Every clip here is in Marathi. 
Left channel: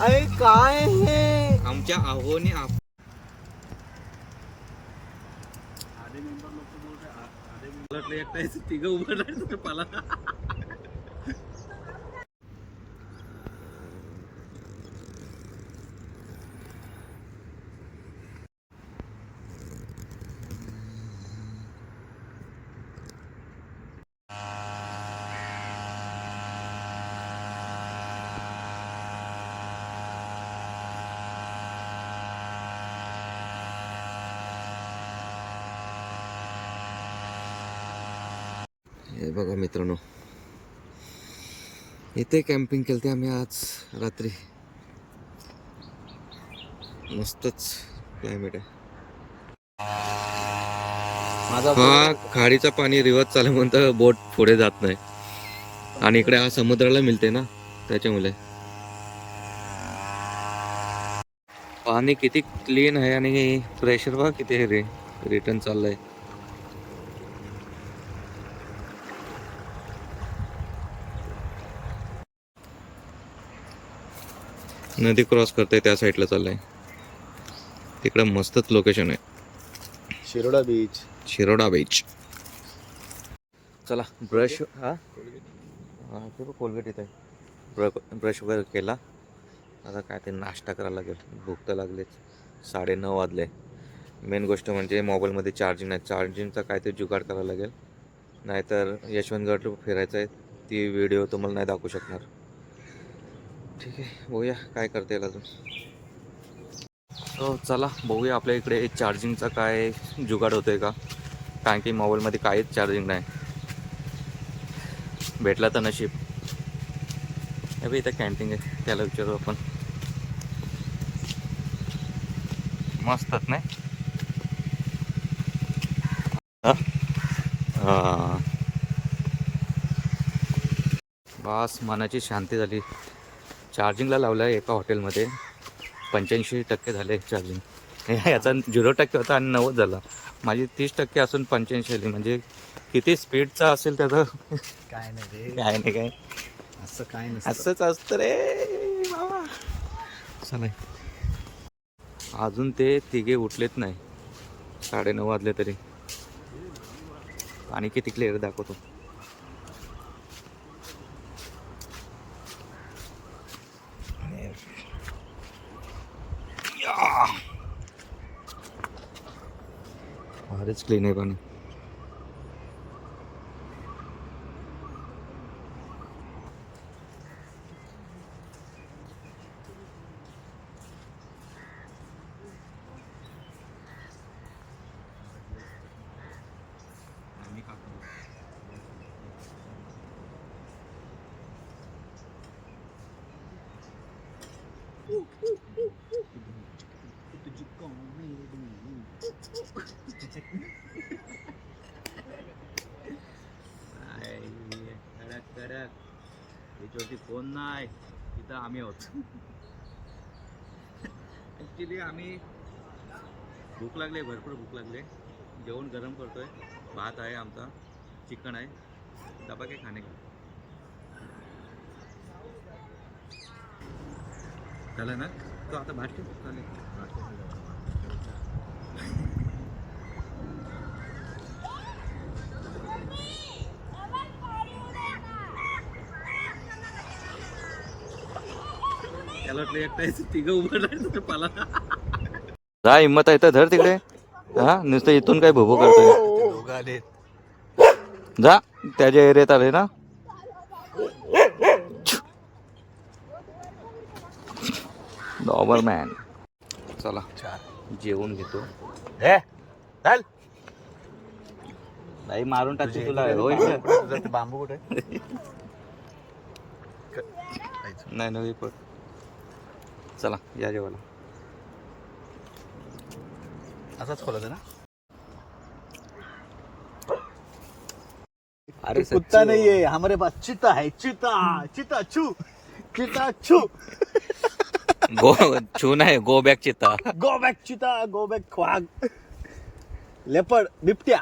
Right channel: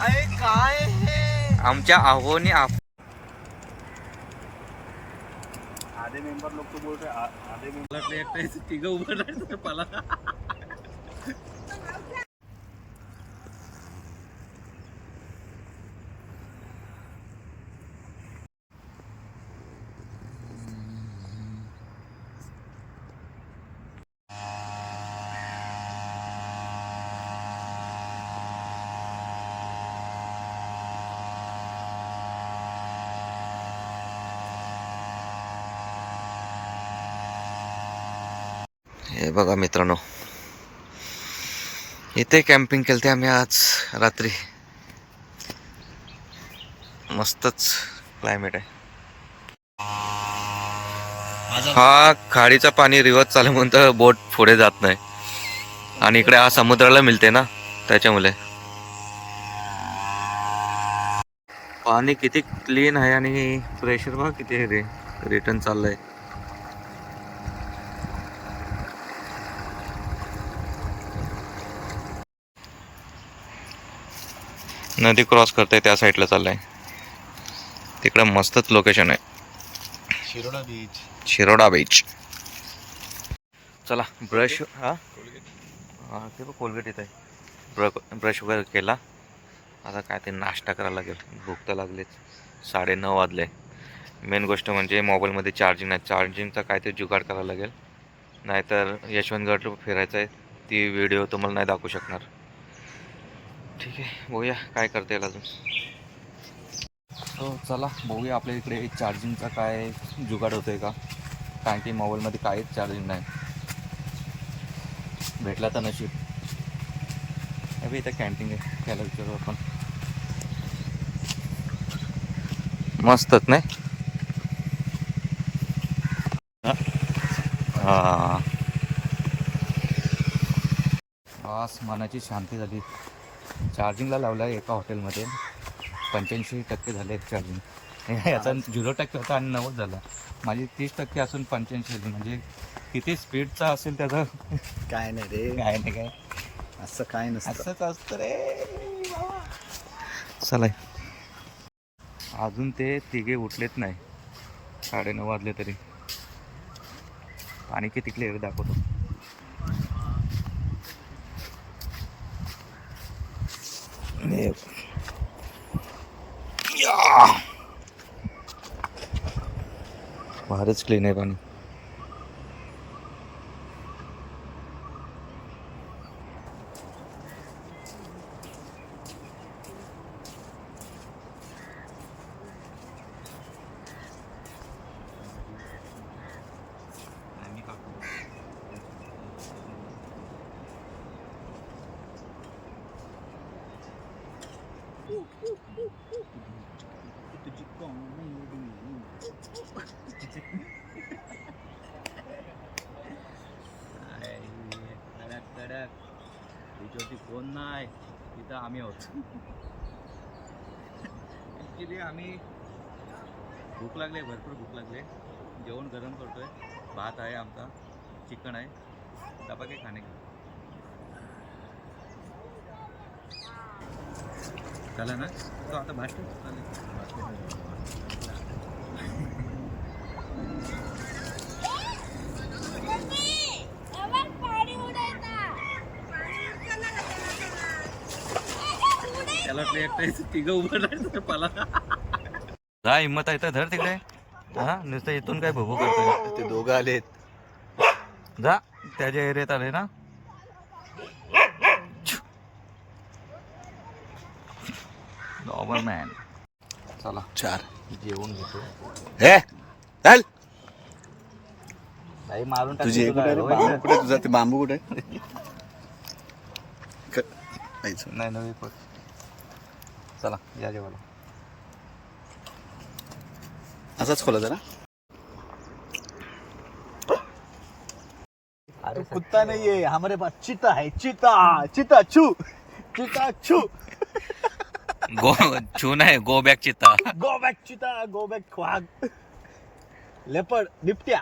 अरे काय हे आमच्या आहोने आधे मेंबर लोग तो बोल रहे आधे मेंबर एकटा तिघ उभं राहायचं पाला. हे बघा मित्रांनो, इथे कॅम्पिंग केलते आम्ही आज रात्री. मस्तच क्लायमेट आहे. हा खाडीचा पाणी रिवर्स चालू म्हणून तर बोट पुढे जात नाही. आणि इकडे हा समुद्राला मिळते ना, त्याच्यामुळे पाणी किती क्लीन आहे आणि प्रेशर बघा किती रिटर्न चाललंय. नदी क्रॉस करते त्या साईडला चाललंय. तिकडे मस्तच लोकेशन आहे. शिरोडा बीच. चला ब्रश हा ते बघ कोलगेट येत आहे. ब्रश वगैरे केला. आता काय ते नाश्ता करायला लागेल. भूक तर लागलीच. 9:30 वाजले. मेन गोष्ट म्हणजे मोबाईलमध्ये चार्जिंग नाही. चार्जिंगचा काय ते जुगाड करायला लागेल. नाहीतर यशवंतगड फिरायचं आहे. ती व्हिडिओ तुम्हाला नाही दाखवू शकणार. ठीक आहे, बघूया काय करता येईल अजून. हो चला बघूया आपल्या इकडे चार्जिंगचा काय जुगाड होतोय का. कारण की मोबाईलमध्ये काहीच चार्जिंग नाही. भेटला तर नशीब. अभि इथं कॅन्टीन आहे, त्याला विचारू आपण. मस्तच नाही. हां बस मनाची शांती झाली. चार्जिंगला लावलं आहे एका हॉटेलमध्ये. 85% झाले चार्जिंग. याचा 0% होता आणि 90 झाला. माझी 30% असून 85 आली. म्हणजे किती स्पीडचा असेल त्याचं. काय नाही रे, काय नाही काय असं काय नसतं. असंच असतं रे बाबा. चला अजून ते तिघे उठलेत नाही. 9:30 वाजले तरी. पाणी किती क्लिअर दाखवतो. भारीच क्लीन आहे पाणी. तुझी कॉमेडी. कडक कडक. त्याच्यावरती फोन नाही, तिथं आम्ही आहोत. ॲक्च्युली आम्ही भूक लागले, भरपूर भूक लागले. जेवण गरम करतोय. भात आहे आमचा, चिकन आहे. डबा काय खाणे का. चला ना तो आता भात ठेव. चालेल त्याला वाटलं एकटा तिघं उभं राहायचं पाला. जा हिंमत आहे तर धर तिकडे. हा नुसतं इथून काय भोभो करतोय. ते दोघं आलेत. जा त्याच्या एरियात आले ना. डॉबरमॅन. चला 4 जेवून घेतो. हे चल. बाई मारून टाकते तुला. तुझा ते बांबू कुठे नाही नवी पण. चला या जेवायला. असाच खोला जरा. अरे कुत्ता नहीं है हमारे पास, चीता है. चीता चीता छू. चीता छू. गो छू नाही, गो बॅक चित्ता. गो बॅक चीता. गो बॅक वाघ. लेपर्ड बिबट्या.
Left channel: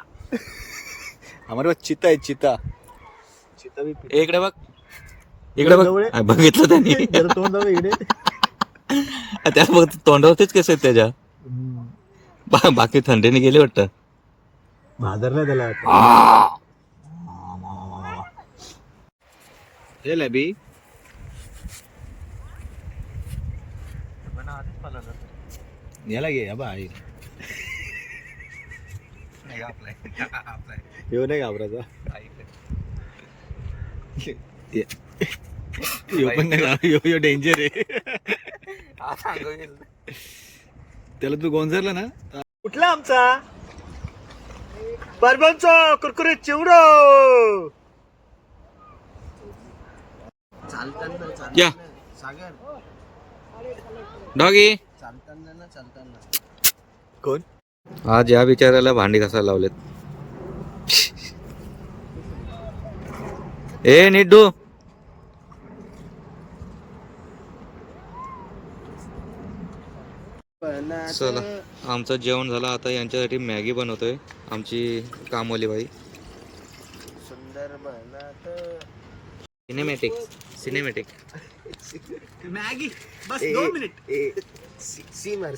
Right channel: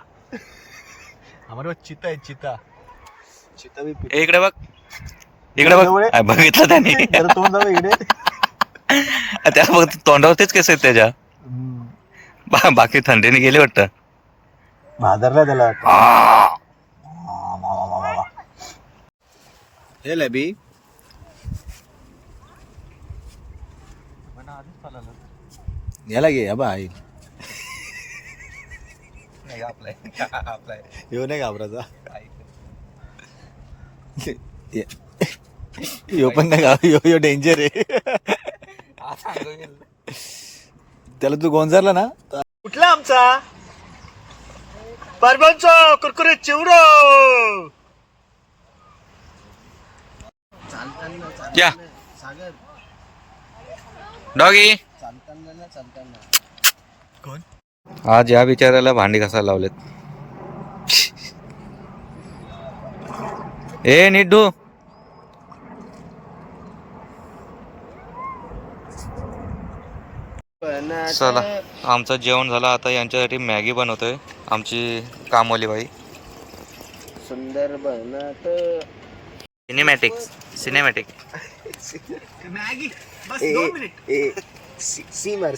हमारे पास चीता है. चीता इकडे बघ, इकडे बघ. बघितलं त्याने. त्याला बघ तोंडावरतीच केस आहेत त्याच्या. बाकी थंडीने गेले वाटतं. भादरला त्याला हे लबी याला घे या बाई येऊ नाही घाबराचा यो पण नाही यो डेंजर आहे. त्याला तू गोंजारला ना कुठला आमचा परबंच कुरकुरीत चिवडो. या डॉगी. कोण आज या बिचाराला भांडी घासायला लावलेत. ए निड्डू. चला आमचं जेवण झालं. आता यांच्यासाठी मॅगी बनवतोय आमची कामवाली बाई. सुंदर बनत सिनेमॅटिक. मॅगी बस 2 मिनिट. सीमर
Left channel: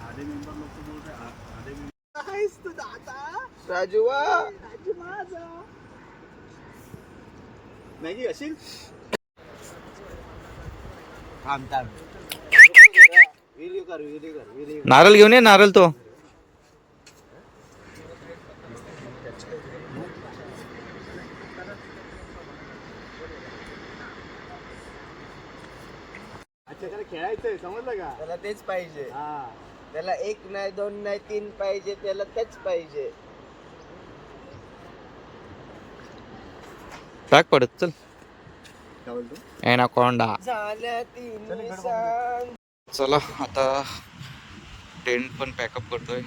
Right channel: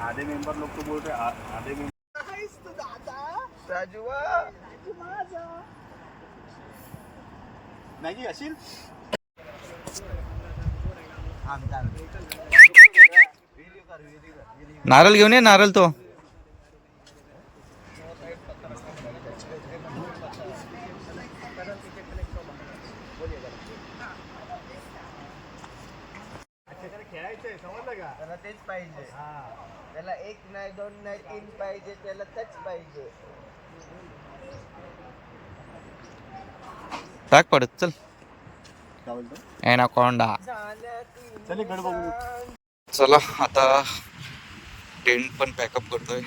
आधे मेंबर लोग तो बोल रहे आधे मेंबर राजूवा राजू माझा मॅगी असेल. नारळ घेऊन ये. नारळ तो खेळायचंय समजलं का. त्याला तेच पाहिजे. त्याला 1 नाही 2 नाही 3 पाहिजे. त्याला तेच पाहिजे. टाक पडत. चल काय बोलतो एनाकोंडा. चल गड बघू. चला आता टेंट पण पॅकअप करतोय.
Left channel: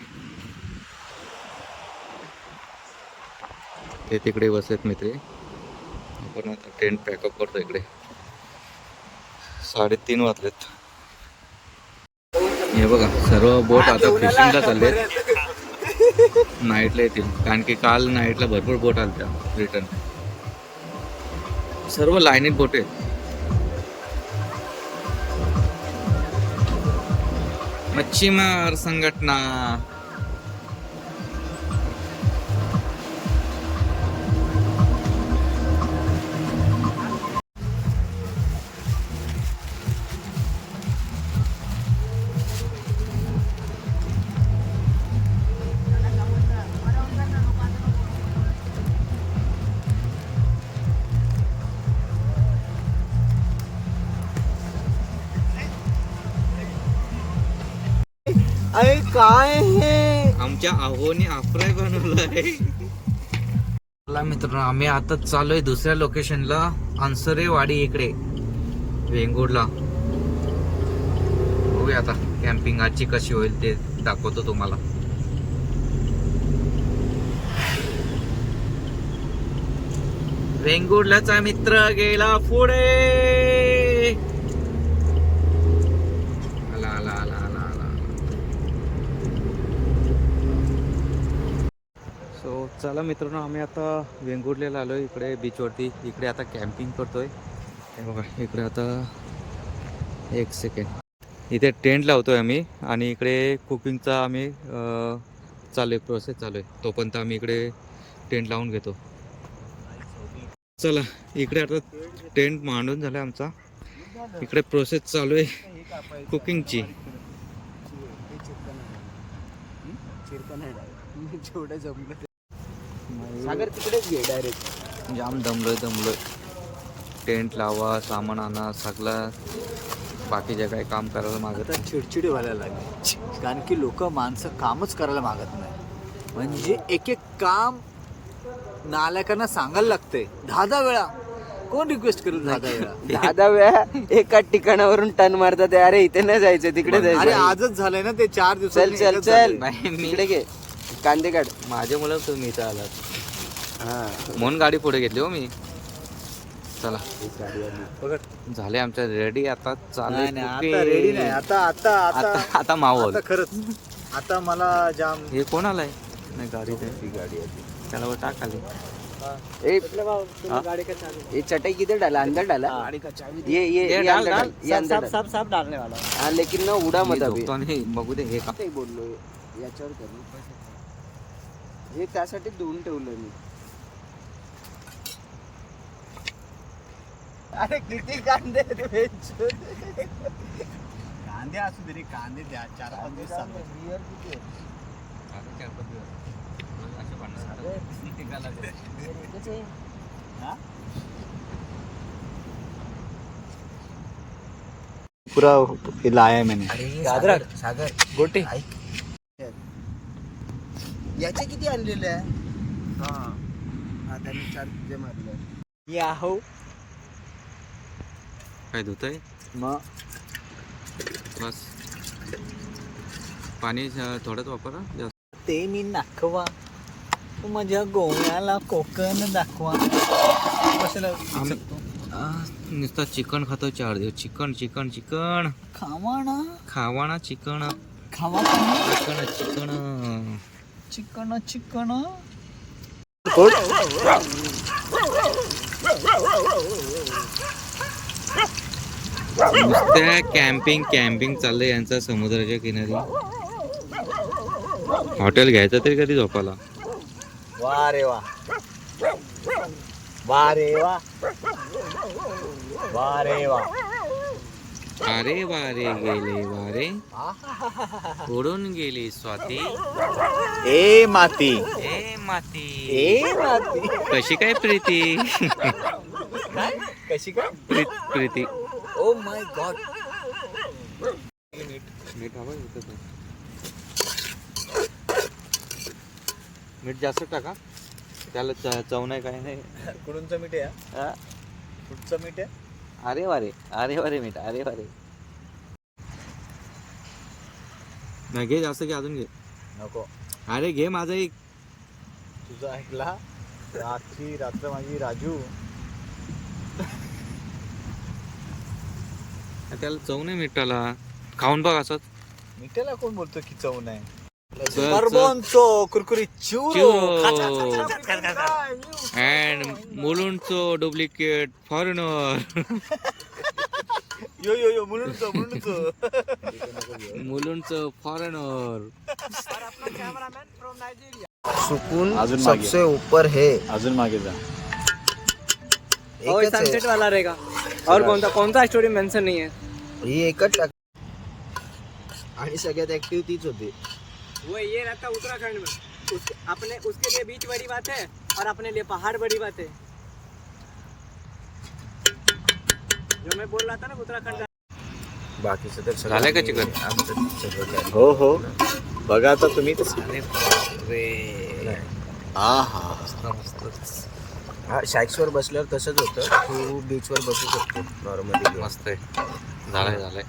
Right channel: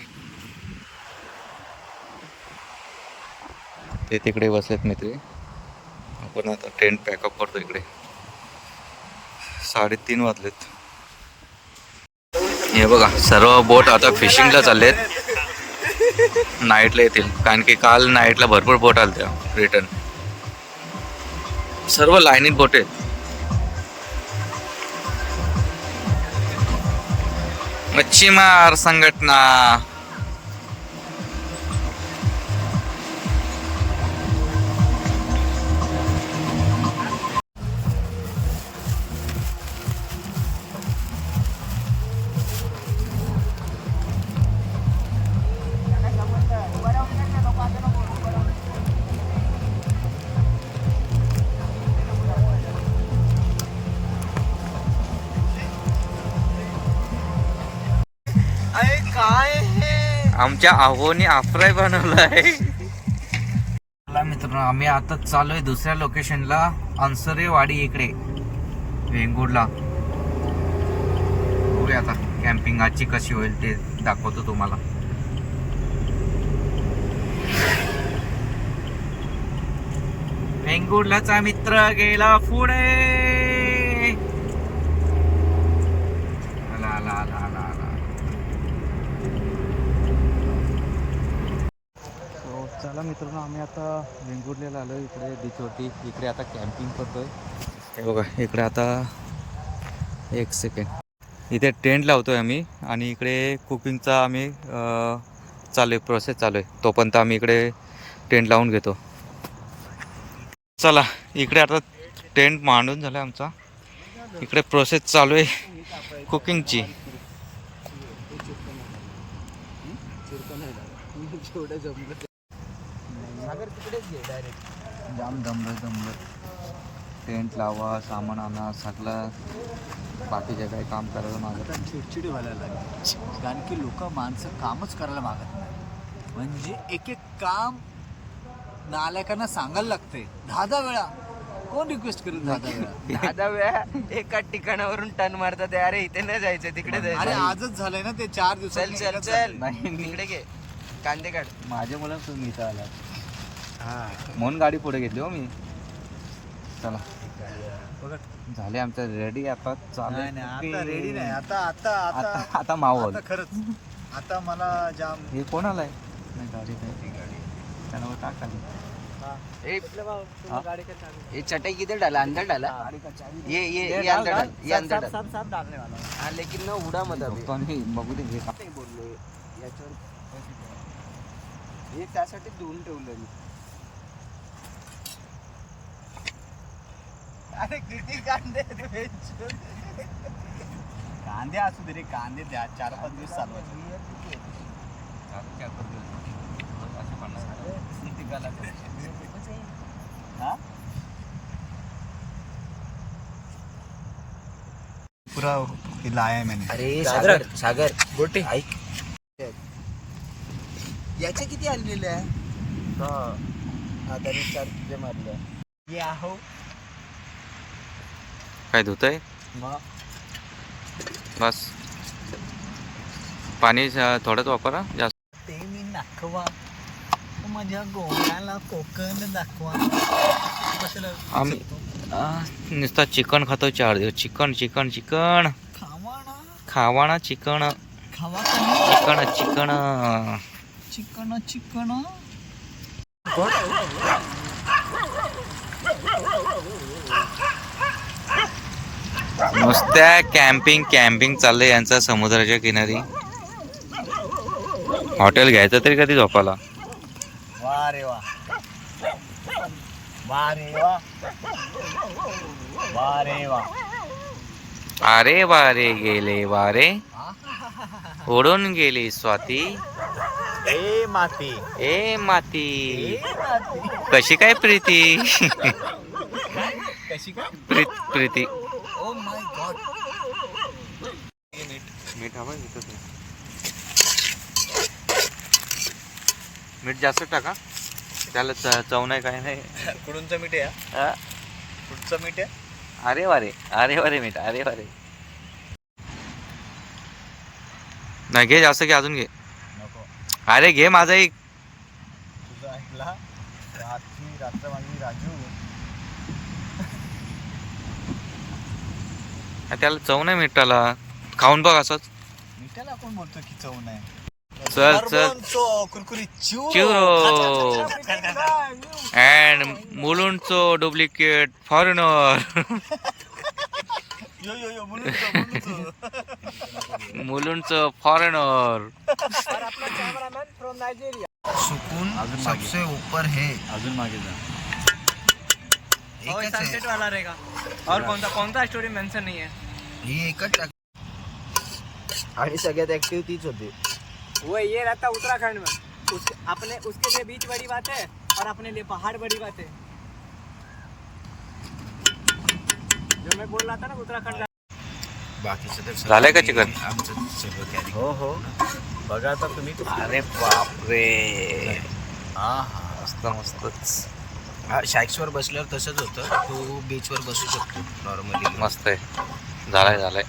ते तिकडे बसलेत मित्र. आपण आता टेंट पॅकअप करतो. इकडे 3:30 वाजलेत. हे बघा सर्व बोट आता फिशिंगला चाललेत. नाईटला येतील कारण की काल नाईटला भरपूर बोट आल्या रिटर्न. सर्व लाईनीत बोट आहेत. मच्छीमार संघटना. काय हे आमच्या आहोने आफ्राय बनवलाय. मित्रांनो आम्ही आता चालूय दुसऱ्या लोकेशनला. अंसरेवाडी इकडे वेंगुर्ला. बघूया आता कॅम्पिंग आजची कशी होईल ते दाखवतो तुम्हाला. वेंगुर्लाचा मित्र गेला पुढे. आला आला आला आला आला. सो चला मित्रांनो आम्ही आता वेंगुर्ल्याला आलो. इकडे बीचवरती. इकडे आता कॅम्पिंग करतोय. हे बघा इकडे आता 1 सेकंड इथे टेंट लावतोय आम्ही. आणि इकडे कुकिंगचा आम्ही चालू आहे प्रोसेस चालू आहे. तोपर्यंत आम्ही इकडे टेंट लावून घेतो. चला इकडे आता टेंट मांडून झाला आमचा. इकडे प्रोसेस चालू आहे कुकिंगची. सागर तिकडेच घे डायरेक्ट. जाम दमलोय. टेंट लावा, सामान आणा, सगळं बाकीचे काही काम करायला मागत नाही. चिडचिडी व्हायला लागली कारण की माणसं कामच करायला मागत नाही. म्हणजे एक काम नालायकांना सांगायला लागतंय 10 वेळा. कोण रिक्वेस्ट करेल 10 वेळा एका ठिकाणावरून टर्न मारतात. अरे इथे नाही जायचं तिकडे अरे जायचं. आजच झालंय ना ते 4 दिवसात. चल चल चल मी घे कांदे काढ. माझ्या मुलं तुम्ही इथं आलात हा म्हणून गाडी पुढे घेतली हो मी. चला झाले आमच्या रेडी. आता चालेल नाही, नाही, आता रेडी नाही. आता आता आता आता आता मावल. आता खरंच आता मला जाम हे कोण आलाय? नाही गाडी नाही. त्याला वर टाक खाली. हाँ? ये चटाई किधर डाला? अंदर डाला. ये डाल, अंदर डाल. डाल. ये अंदर डाल. सब डालने वाला. हाँ लेकिन ना उडा मी मत अभी. झोपतो आणि बघू दे हे का. काही बोललो याच्यावर कर ना. हे त्यासाठी धुवून ठेवलं मी. अरे किती कांदे कांदे असू दे रे. कांदे द्या 4-5 दिवस चालवायचे. झाले 4-5 दिवस. रोज अशा भांडणं टिकायला हा पूरा ये लाया है मैंने. अरे सागर सागर गोटे ऐक. याचे किती आणलेले आहे? हा तरी 4 तुझे मारले. ये आहो काय धुतंय मग बस. पाणी थोडंच वापरा जास्त. ते मी नाखवा माझ्या गोव्याला कोकण दाखवा. आम्ही नुसता चिकन खातो 4 दिवस. चिकन चिकन चिकन खावाना खावाना चिकन खावा चिकन चिकन. Chicken chicken. नुसत्या कॅम्पिंग कॅम्पिंग चाललंय यांचा समुद्राच्या किनारी. हॉटेल घ्यायचं तरी कधी झोपाला. वा रे वा. वा रे वा. वा रे वा. अरे वारे गेले वारे उडून गेली स्वाती. ए माती ए माती ए माती. कशी काय प्रीती. कशी काय प्रीती. Oh my God. मीठ हवं इथं ते. मीठ जास्त टाका. त्याला चव नाही काय नाही. कुडूनचं मीठ आहे हा? कुठचं मीठ आहे. अरे वारे मीठ. अरे वारे नाही घे जास्त घे. अजून घे. नको अरे घे माझा एक. तुझं ऐकला. रात्री रात्र माझी राजू. त्याला चव नाही मिठाला. खाऊन बघ असंच. मिठाला कोण बोलतो की चव नाही. चल चल. कुरकुरीत चिवरो अँड मुलुंडचो डुप्लिकेट फॉरेनर. यो यो यो म्हणून मुलुंडचं फॉरेनर. सुकून अजून सबसे ऊपर है. अजून मागे जा. एकच आहे. वाला रहेगा और कौन सा स्टोरी मेंशन नहीं है. ही एकच आणि सगळ्यात ऍक्टिव्ह तीच होती. वो ये रहता उत्तराखंड में. उसके लिए बीच बड़ी बात है और अपने लिए पहाड़ बड़ी बात है. जो मैं बोल रहा था ना उत्तराखंड. बाकीचं तर सगळं झालंय का आम्ही- चिकन? आमचं सगळं carry. हो हो बघा आता तुम्हीच. अरे बापरे. हा हा मस्त मस्तच. हा शाईक्सवर बसल्यावर तसंच होतं. तू बीचवर बसू शकतो नॉर्मली. मस्त आहे. झालंय.